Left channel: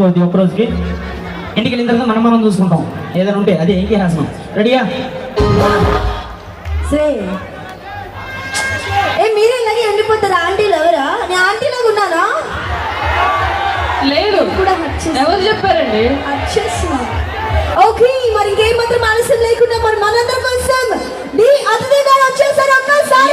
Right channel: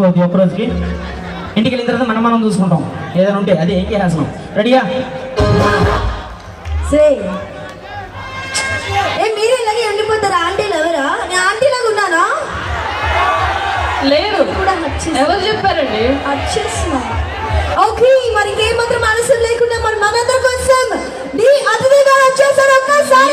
ఒక్క రోజుకి ఇంటికి వెళ్ళిన తర్వాత మనం చూసుకుంటాం ఏదైనా ఉంటే అది ఏంటి హాసం రెడీయా మీరే ఇలాగే ఎండిపోతారా ఆంటీలు ఎవరా నేను ఆంటీలాగా ఉన్నానా లేదు ఎవరు చెప్పారండి ఓకే మరి ఇంకేం మాత్రం మనసు లేకుండా మరి మనందరి కోసం నీ అతిథి గారు వచ్చేసారు ఒక్కసారి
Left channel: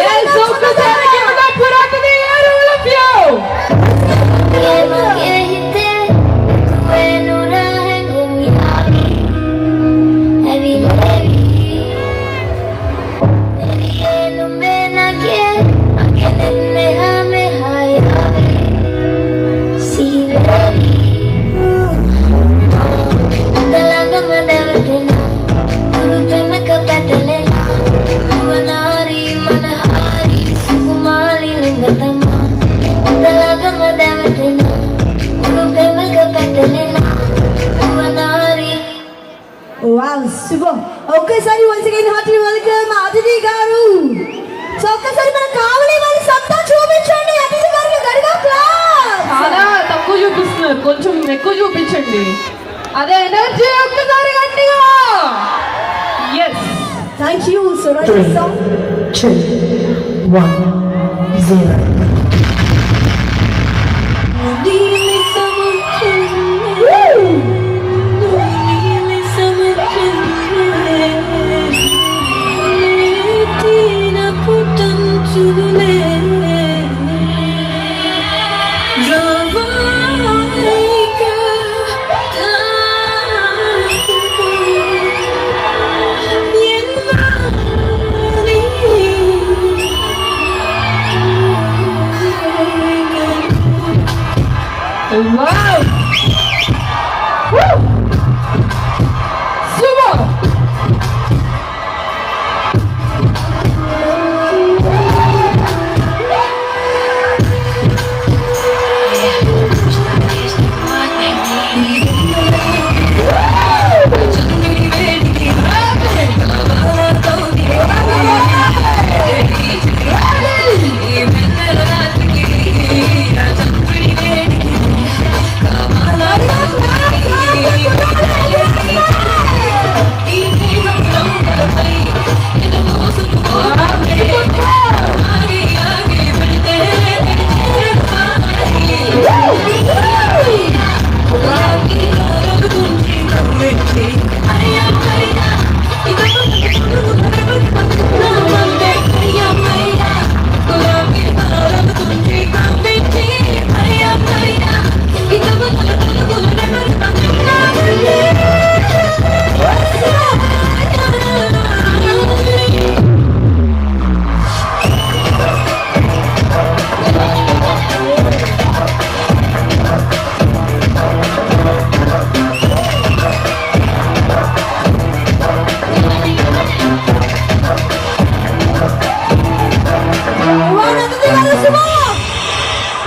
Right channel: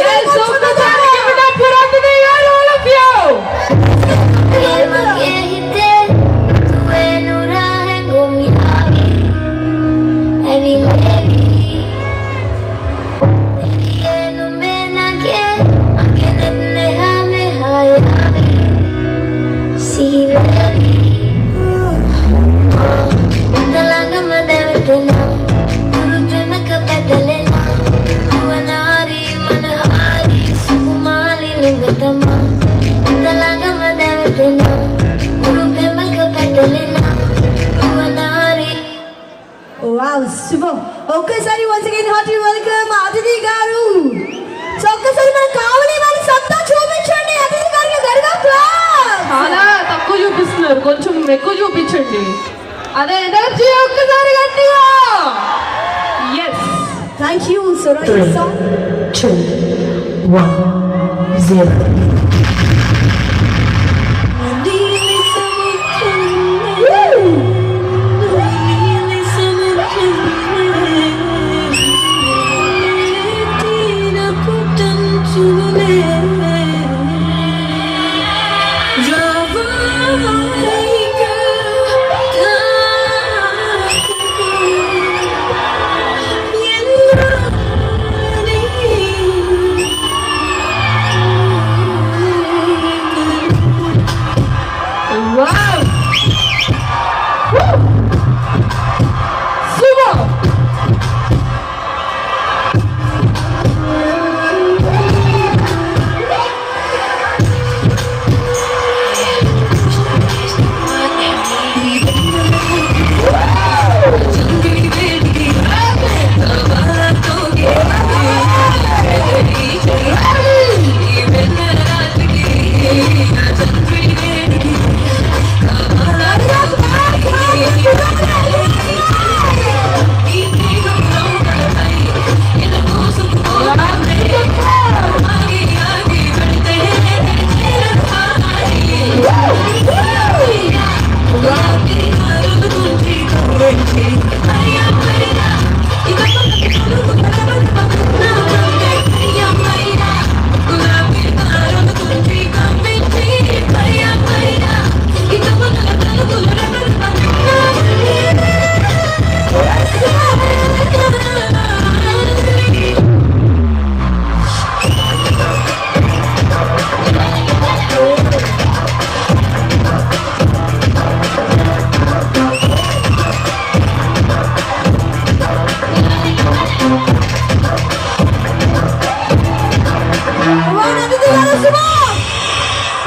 ఒక్కసారి once again hearty welcome అతిథి గారు. సో ఒక్కసారి మన కావలి వాళ్ళ సత్తా చూపించండి అతిథి గారికి గట్టిగా క్లాప్. చాలా తక్కువ చూపిస్తున్నారు, కొంచెం ఎక్కువ చూపించండి. అదే ఎనర్జీ ఒక్కసారి గట్టిగా. yes thank you so much. 2 1 0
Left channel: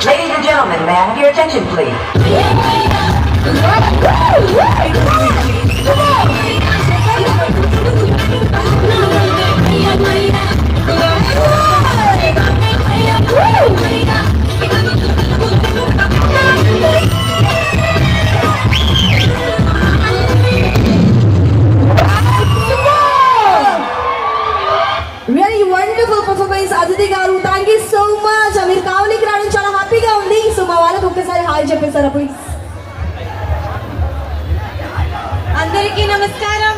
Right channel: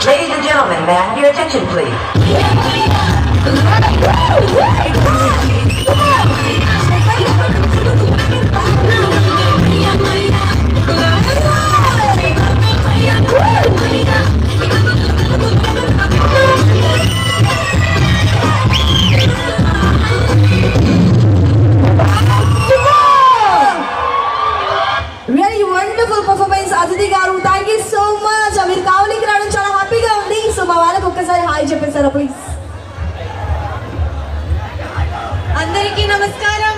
Ladies and gentlemen, may I have your attention, please? Really wonderful performance అతిథి గారు. Thank you so much. మీరు కావలికి రావడం చాలా హ్యాపీగా ఉంది. సో మా వాళ్ళకి ఒక్కసారి హాయ్ చెప్పేస్తారా ప్లీజ్. అందరికీ నమస్కారం.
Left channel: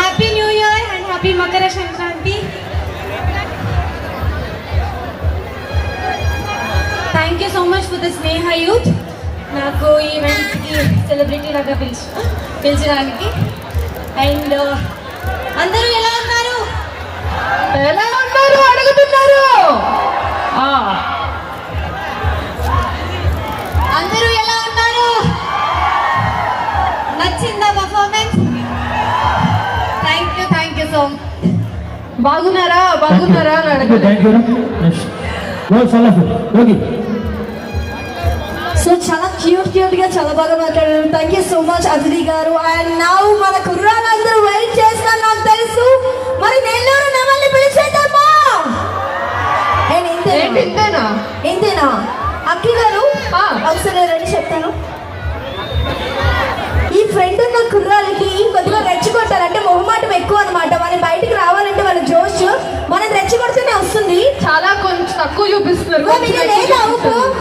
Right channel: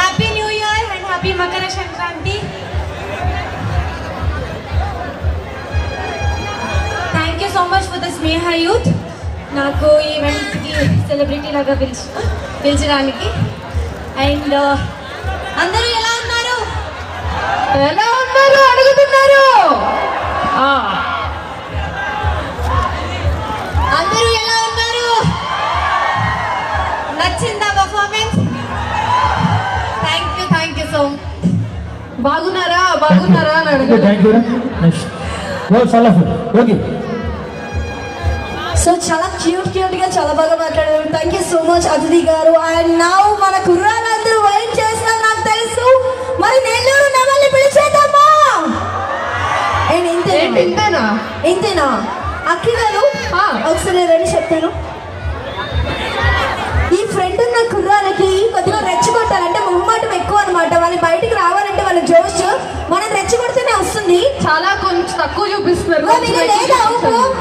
Happy new year and happy Makara Sankranti. Thank you so much for the Sneha youth నాకు ఈ ఈవెంట్కి సెలబ్రిటీ లాగా పిలిచడానికి. అండ్ అందరూ ఎలా ఉన్నారు? ఎలా ఉన్నారు అడుగుతున్నారు. అందరూ ఎలా ఉన్నారు? నచ్చిందా performance? Thank you so much. బాగున్నారా అని అడగండి. థ్యాంక్ యూ నెక్స్ట్ వెల్ సలఫ్ ఓకే. సో చాలా క్యూట్ గా చాలా బాగా మాట్లాడారు. థ్యాంక్ యూ సో మచ్ అతిథి గారు. అండ్ నౌ మన కుర్రాళ్ళందరూ వెయిట్ చేస్తారు నాకు తెలుసు. మరి నెల్లూరు నమల్ని పిలిచేద్దామా? అండ్ ఇంతేనా? అక్కి గారు ఒకసారి రండి చెప్తాను. ఈ ఫ్రెండ్ ఉన్న కుర్రాలకి కొద్దిగా రెచ్చగొట్టాలి, అంటే మొహమాటం ఎక్కువ అనమాట. వాళ్ళు బయటికి రావాలంటే వాళ్ళ జోష్ మనం రెచ్చగొడితేనే వస్తుంది. చాలా కొంచెం తక్కువ చూపిస్తున్నారు. లేదా